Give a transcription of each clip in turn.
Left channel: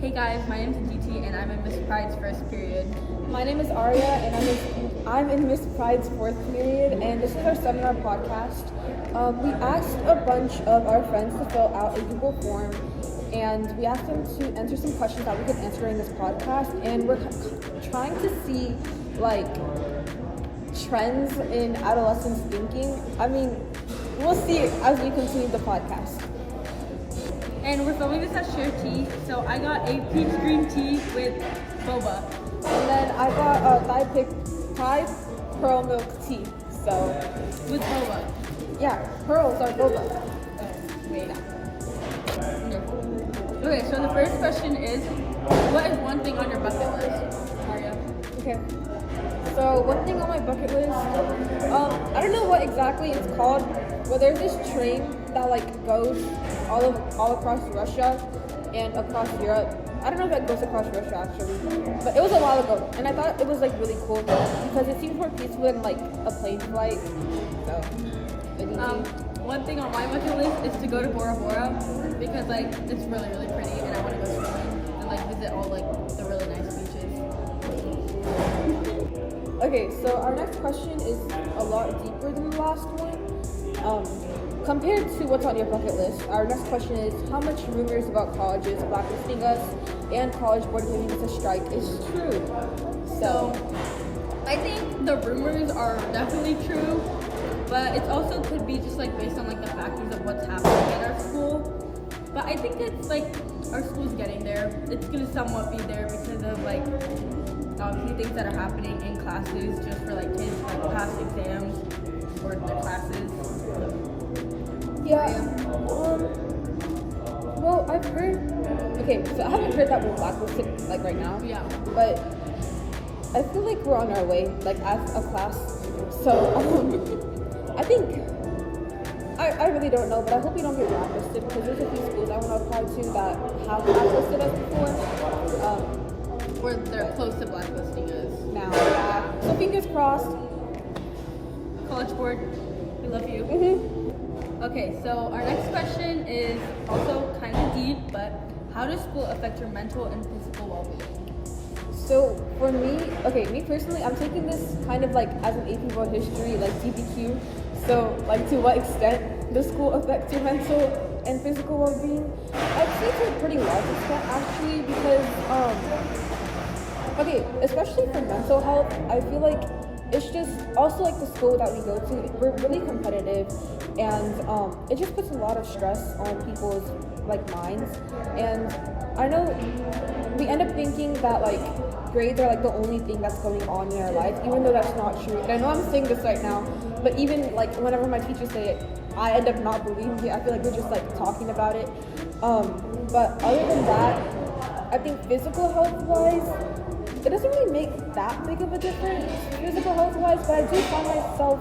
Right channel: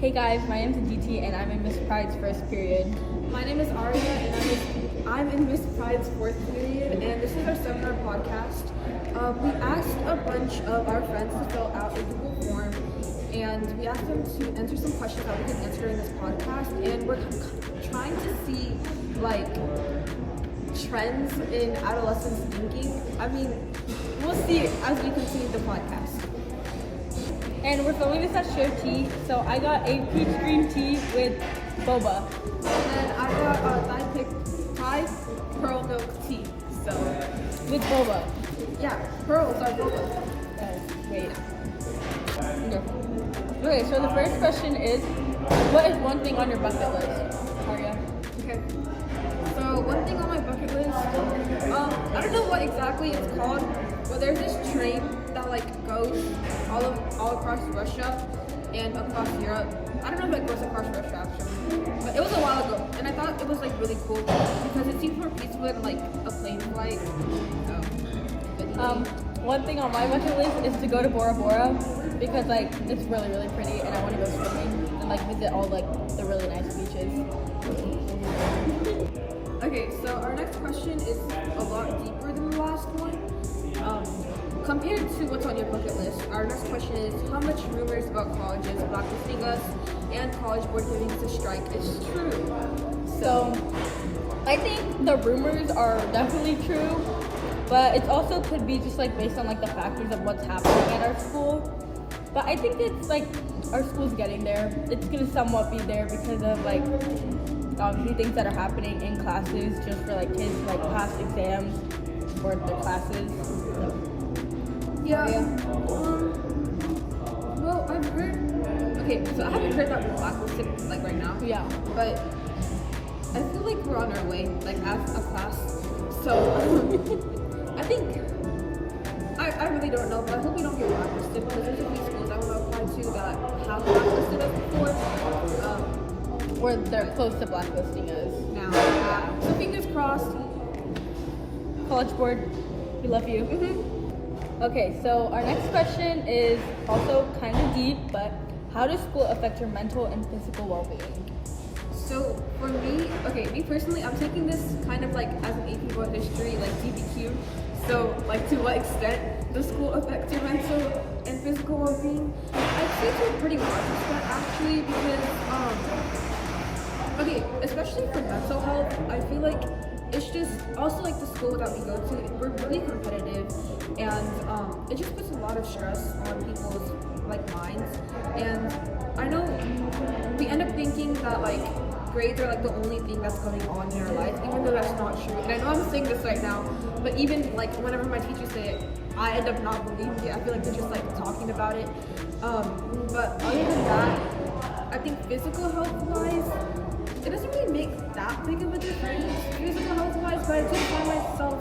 Hey guys, my name is Aditi and I'm in Miss Pride's first period. My name is Arya and I'm in Miss Pride's fourth period, and this is our seminar podcast. We asked a bunch of our friends to fill out a Google form, and we asked them to answer some questions that we could answer in this podcast, and we're trying to see trends in adolescents thinking. I mean, we'll see as we continue the podcast. And we're filming this at Share Tea, so I got a peach green tea with boba. And then I got Thai pearl milk tea. So, With boba. yeah, pearls are boba. Oh, wait. Okay. Okay, so the first question is, what is one thing on your bucket list? Arya. Okay. So one thing on my bucket list, I don't know what exactly it's called, but there's this train that goes all across Russia and across Europe. I don't know if it goes across Russia actually, but it was a while ago, and I thought it was really cool because it seems more peaceful than a plane flight. So, One thing on my bucket list is to go to Bora Bora because it's really really pretty and I want to go swimming and visit all the really nice beaches. Okay, so our next question is a lot deeper than the last one. Compared to what's on your bucket list, our next question is how much rumors about colleges blacklisting us and college board giving us a strike is true. So I think the rumors are definitely true, but it also could be just based on the factors of what's happening at our school. But I think it's our school's getting there. It's gonna somewhat be there because of obviously things that are happening in classes just for kids pass exams or their classes. So. Yeah. Well, I've heard. Okay, so I haven't heard that we're blacklisted right now. Yeah. But I feel like we're on our way, as a class. So I think I really don't know, but I hope we don't get blacklisted because there's a few schools I want to apply to that have blacklisted us before. Or they're close to blacklisting us Now, yeah. So fingers crossed. College board, we love you. Mm-hmm. Okay, so our next question is also kind of deep, but how does school affect your mental and physical well-being? So for me personally, I'm taking this kind of as an AP World History, CPQ. So to what extent does school affect your mental and physical well-being? I'd say to a pretty large extent actually, because especially for mental health, I feel it's just also the school that we go to, we're really competitive, and it just puts a lot of stress on people's minds. And I know we end up thinking that grades are the only thing that's going on in our life, even though that's not true. And I know I'm saying this right now, but even whenever my teachers say it, I end up not believing it. I feel they're just talking about it. But other than that, I think physical health wise, it doesn't really make that big of a difference physical health wise, but I do find myself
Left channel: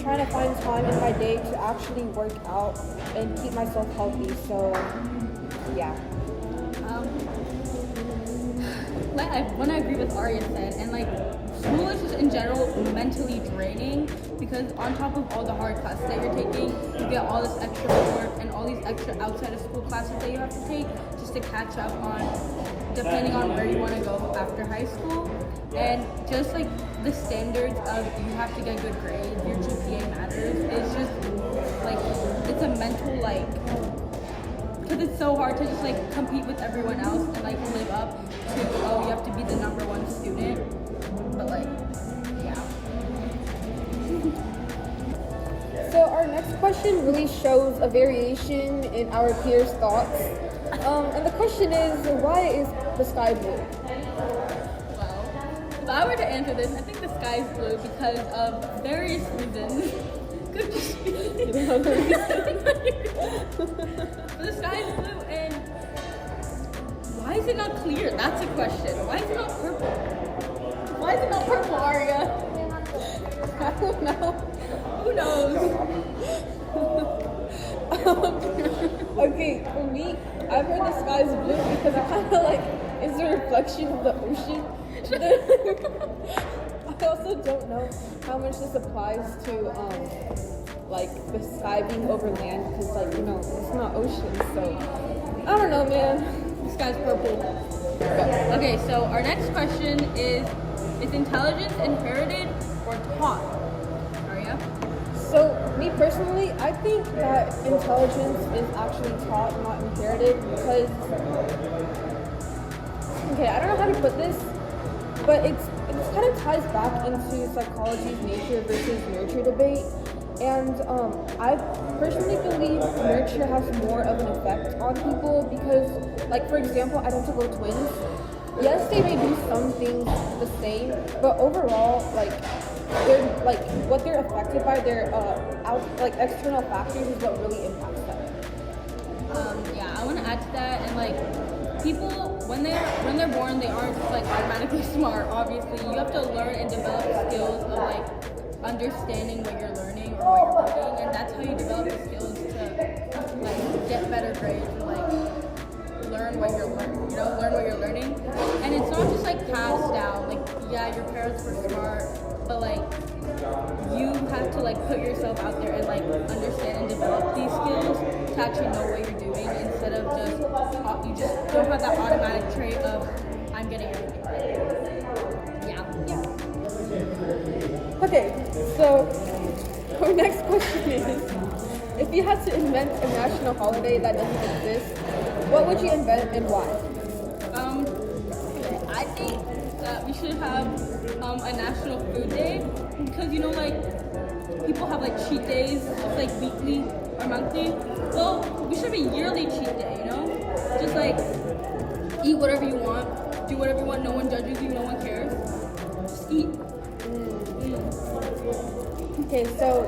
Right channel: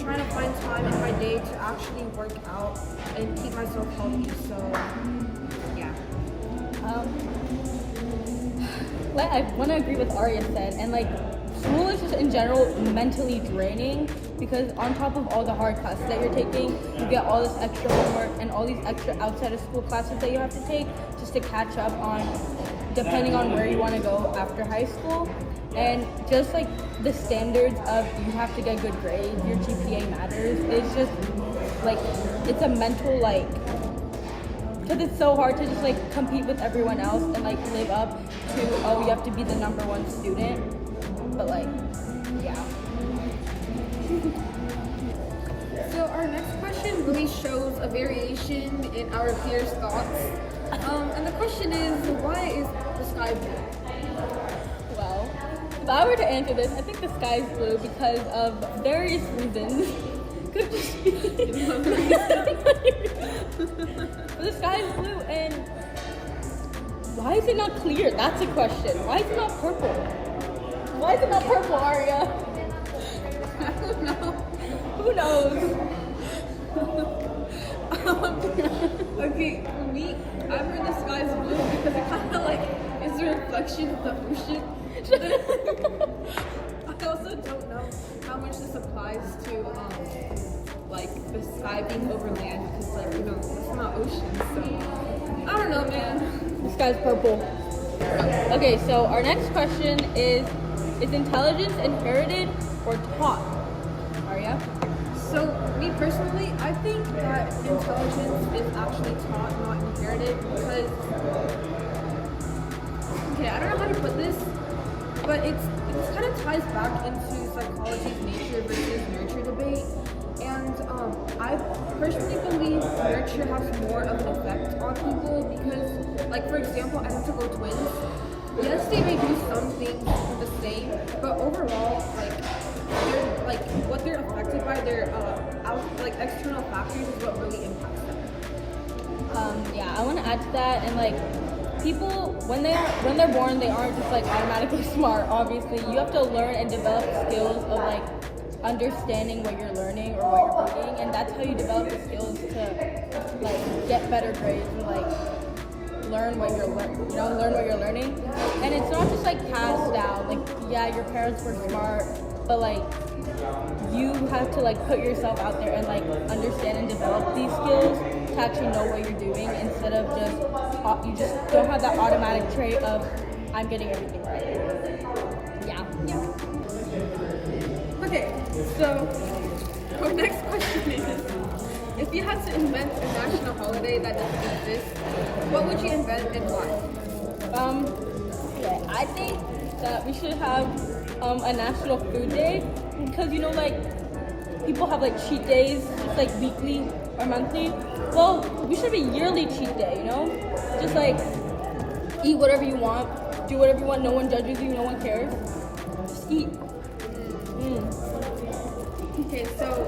trying to find time in my day to actually work out and keep myself healthy. So yeah. I want to agree with Arya said, and school is just in general mentally draining because on top of all the hard classes that you're taking, you get all this extra homework and all these extra outside of school classes that you have to take just to catch up on, depending on where you want to go after high school. And just the standards of you have to get good grades, your GPA matters, it's just it's a mental because it's so hard to just compete with everyone else and live up to, you have to be the number one student, but yeah. So our next question really shows a variation in our peers' thoughts. And the question is, why is the sky blue? Well, if I were to answer this, I think the sky is blue because of various reasons. Could be. You don't know the reason? The sky is blue, and why is it not clear? That's a question. Why is it not purple? Why is it not purple, Arya? I don't know. Who knows? Okay, for me, I've heard the sky is blue because it kind of is a reflection of the ocean. But then, I also don't know how much this applies to the sky being over land because it's not ocean. So I don't know, man. Sky's purple. Okay, so our next question is intelligence inherited or taught? Arya? So, me personally, I think that intelligence is actually taught, not inherited, because, okay, I don't know how to put this, but it kind of ties back into psychology's nature versus nurture debate. And I personally believe nurture has more of an effect on people because, like, for example, identical twins, yes, they may do some things the same, but overall, what they're affected by, their external factors is what really impacts them. Yeah, I want to add to that, and like people when they're born, they aren't just like automatically smart. Obviously, you have to learn and develop skills of like understanding what you're learning or what you're reading, and that's how you develop the skills to like get better grades or like learn what you're learning. And it's not just like passed down. Like, yeah, your parents were smart, but like you have to like put yourself out there and like understand and develop these skills to actually know what you're doing instead of you just don't have that automatic trait of I'm getting everything right. Yeah. Okay, so our next question is, if you had to invent a national holiday that doesn't exist, what would you invent and why? Okay, I think that we should have a national food day because like people have like cheat days, it's like weekly or monthly. Well, we should be yearly cheat day, just like eat whatever you want, do whatever you want, no one judges you, no one cares. Just eat. Okay, so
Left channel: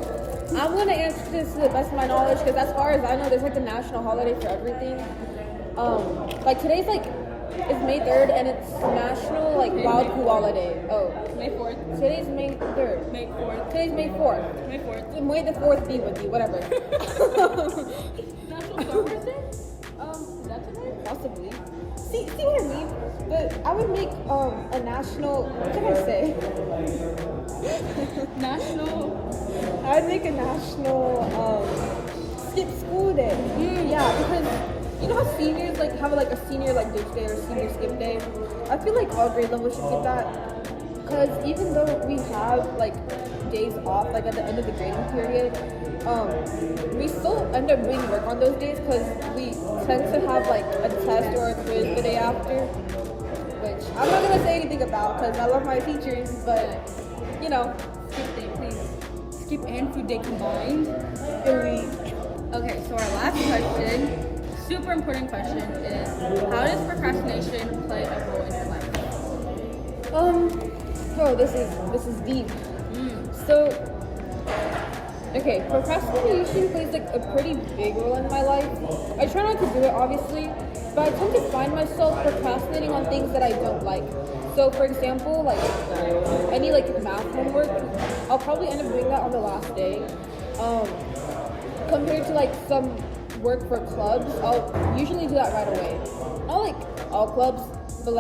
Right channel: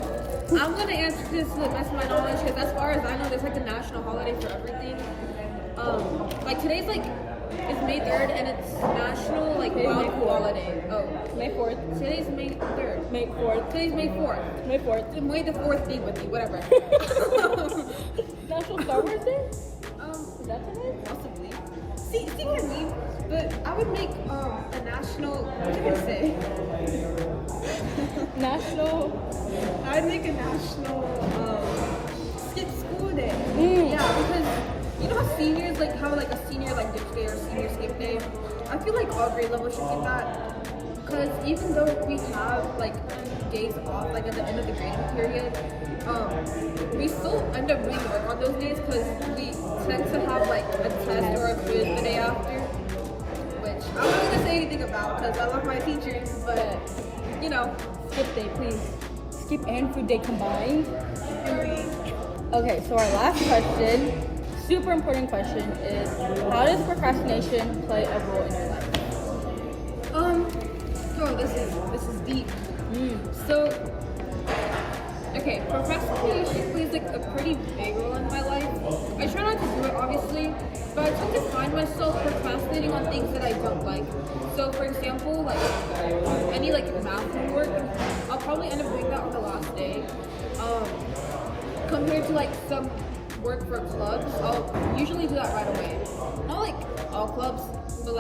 I'm gonna answer this to the best of my knowledge because as far as I know, there's like a national holiday for everything. Like today's it's May 3rd and it's National Wild Koala Day. Oh, May 4th. Today's May 3rd. May 4th. Today's May 4th. May 4th. May the 4th be with you, whatever. National Star Wars Day? Is that today? Possibly. See what I mean? But I would make a national, what can I say? I would make a national skip school day. Yeah, because you know how seniors have a senior ditch day or senior skip day? I feel like all grade levels should get that. Because even though we have days off at the end of the grading period, we still end up doing work on those days because we tend to have a test or a quiz the day after, which I'm not gonna say anything about because I love my teachers, but skip day, please. Skip and food day combined. Okay, so our last question, super important question, is how does procrastination play a role in your life? Oh, this is deep. So, okay, procrastination plays a pretty big role in my life. I try not to do it, obviously, but I tend to find myself procrastinating on things that I don't like. So, for example, any math homework, I'll probably end up doing that on the last day. Compared to some work for clubs, I'll usually do that right away. Not all clubs, but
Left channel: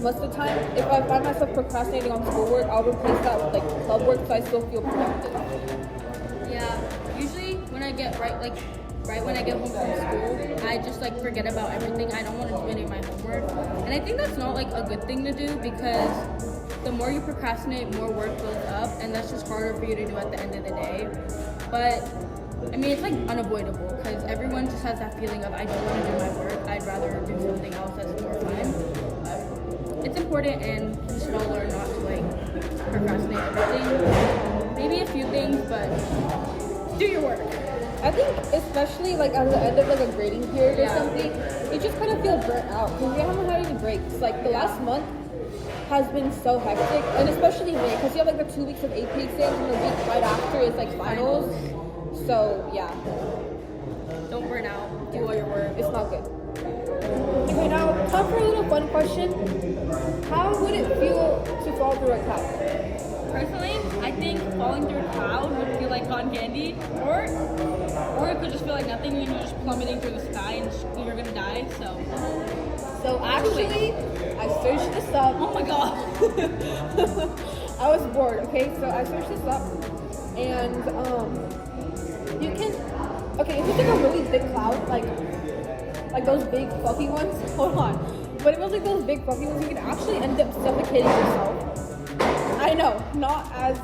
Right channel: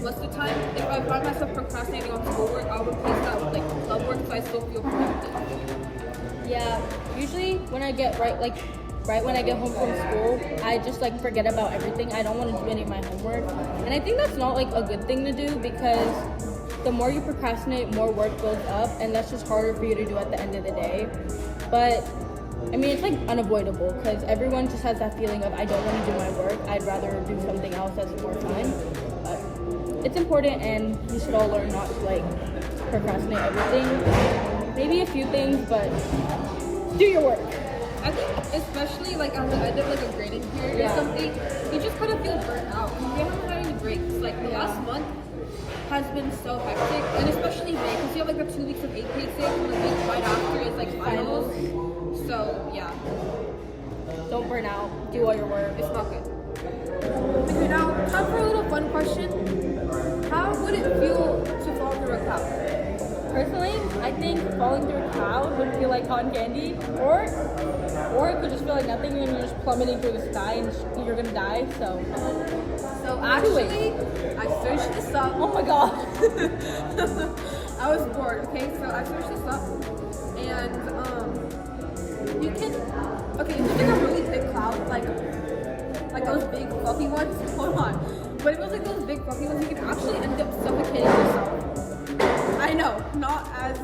most of the time, if I find myself procrastinating on schoolwork, I'll replace that with club work so I still feel productive. Yeah, usually when I get right when I get home from school, I just forget about everything. I don't want to do any of my homework, and I think that's not a good thing to do because the more you procrastinate, more work goes up, and that's just harder for you to do at the end of the day. But I mean, it's unavoidable because everyone just has that feeling of I don't want to do my work. I'd rather do something else that's more time. But it's important, and we should all learn not to procrastinate everything. Maybe a few things, but do your work. I think especially at the end of a grading period or something, you just kind of feel burnt out because you haven't had any breaks. The last month has been so hectic, and especially May because you have the 2 weeks of AP exams and the week right after is finals. So yeah, don't burn out. Do all your work. It's not good. Okay, now time for a little fun question. How would it feel to fall through a cloud? Personally, I think falling through a cloud would feel like cotton candy, or it could just feel like nothing and you're just plummeting through the sky and you're gonna die. So actually, I searched this up. Oh my god, I was bored. Okay, so I searched this up, and you can. Okay, if it's a really thick cloud, like those big fluffy ones. Hold on. But if it was like those big fluffy ones, you could actually end up suffocating yourself. I know, not as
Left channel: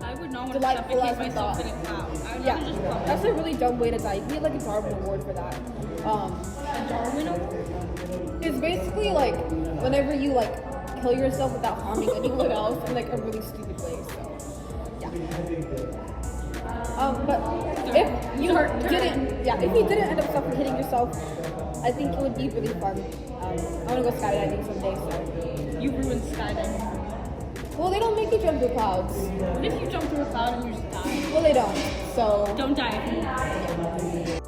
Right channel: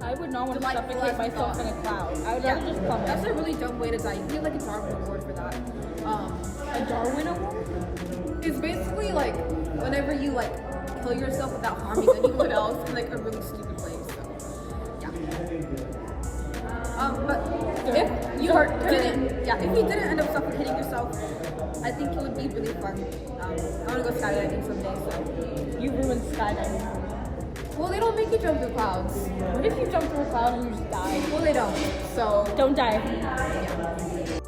I would not want to delightful suffocate as we myself thought. in a cloud. I would Yeah, rather just plummet. that's a really dumb way to die. You need like a Darwin Award for that. A Darwin Award? It's basically like whenever you like kill yourself without harming anyone else in like a really stupid way. So yeah. But if you if you didn't end up suffocating yourself, I think it would be really fun. I want to go skydiving someday. So You ruined skydiving for me. well, they don't make you jump through clouds. What if you jump through a cloud and you just die? Well, they don't. So Don't die. yeah.